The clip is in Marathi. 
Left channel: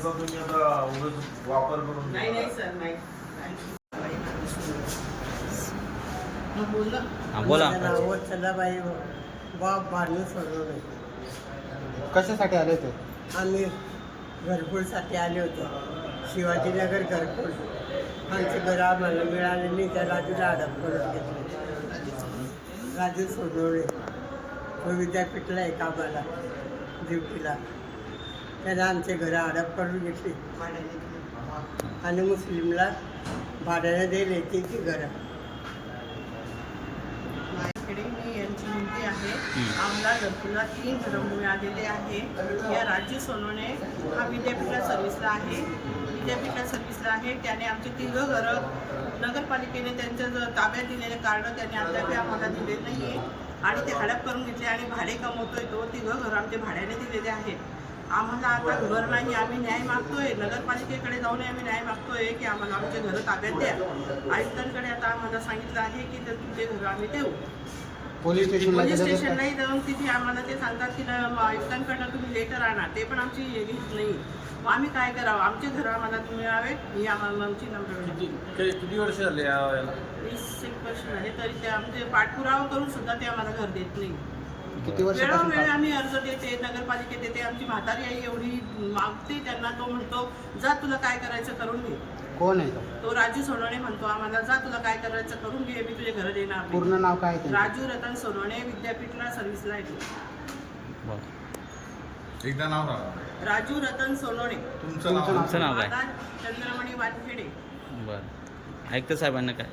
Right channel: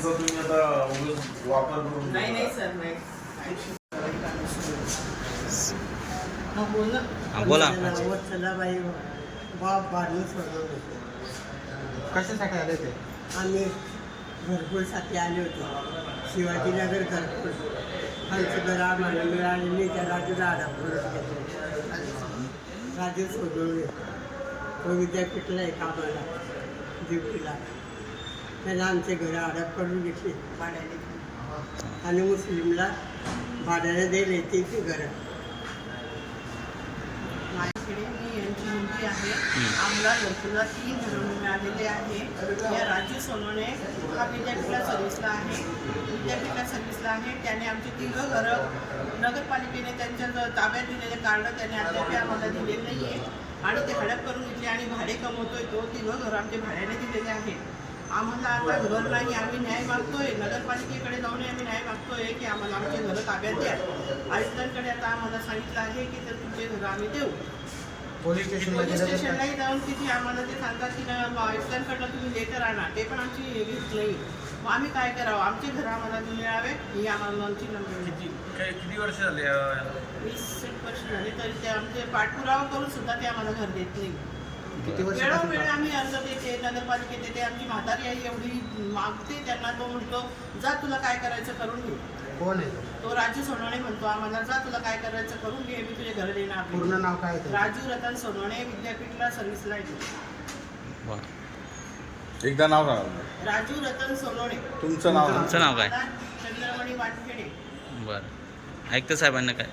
त्यांचा तुम्ही आता वापर करून नाही नाही सर नाही. हा, बोल ना. हा, बोला. वत्सलाबाई बाप भानू सोडवणे कशासाठी आले ते? आम्ही घरकुलसाठी आले होते. शिवाजीनगर घरकुल. आमची घरं आम्हाला मिळाली नाही त्या राजूला हडप करून घेतले राजू सोडवणे तो विद्यापीठला आहे कामाला ड्युटीला. त्यानं आमचे घरं हडप करून घेतली भाड्याने. आणि मुस्लिमला भाड्याने दिले ती ती घरं. माझ्याकडे मी यांची मुलगी आहे. आम्हाला घरकुला तीन घरं मिळालेले आहे या राजू सोनवणे हा विद्यापीठला सर्व्हिसला आहे. विद्यापीठला सर्व्हिसला आहे. त्याने आमची तिघं घरं नगरपालिकेने त्यांच्या ताब्यात दिलेले कार्ड त्याने अद्याप आम्हाला दिले नाही आहे आणि ते हडप करून घेतले आणि भाडे कमवतोय तो तिघं घरं आमचे भाड्याने दिलेले आहेत. आम्हाला आता घर नाही आम्ही न्याय मागतोय. नगरपालिकेकडे जाऊन आम्ही न्याय मागतोय की आम्हाला आमचे घरं ताब्यात द्या. आयुक्तांकडे आता आम्हाला सांगितलं आहे की तर तुमचे घरं आम्ही देऊ. पोलीस का? स्टेशनलाही जाऊन तिथे आम्हाला ते सांगतात की आयुक्तांकडनं तुम्ही लेटर आणा. ते पण आमची घेत नाही. मग आम्ही काय करावं? आमचे घरं आम्हाला मिळावे? ही आम्हाला आमची नंबर किती वर्ष झाले? वीस एक वर्ष झाले तरी ते आमचे पाठपुरावा करून सुद्धा ते आम्हाला घर देत नाही. किती वर्ष वेळोवेळी आम्ही अर्ज देते नगरपालिकेत देते आमची म्हातारी आई एवढी मागते त्यांना तो म्हणतो जा तुला काय करायचं करून घे. कोण आहे? तो राजू सोनवणे म्हणतो आम्हाला जा तुला काय करायचं करून घे मी तुझे घर देणार नाही. पूर्ण नाव काय? राजू रतन सोनवणे विद्यापीठला सर्व्हिसला बरं. एकदा नाव राजू रतन सोनवणे. तुमचं नाव तुमचं नाव काय? चंद्रमणी वानखेडे. बरं. ऐकतं साहेबांना काय?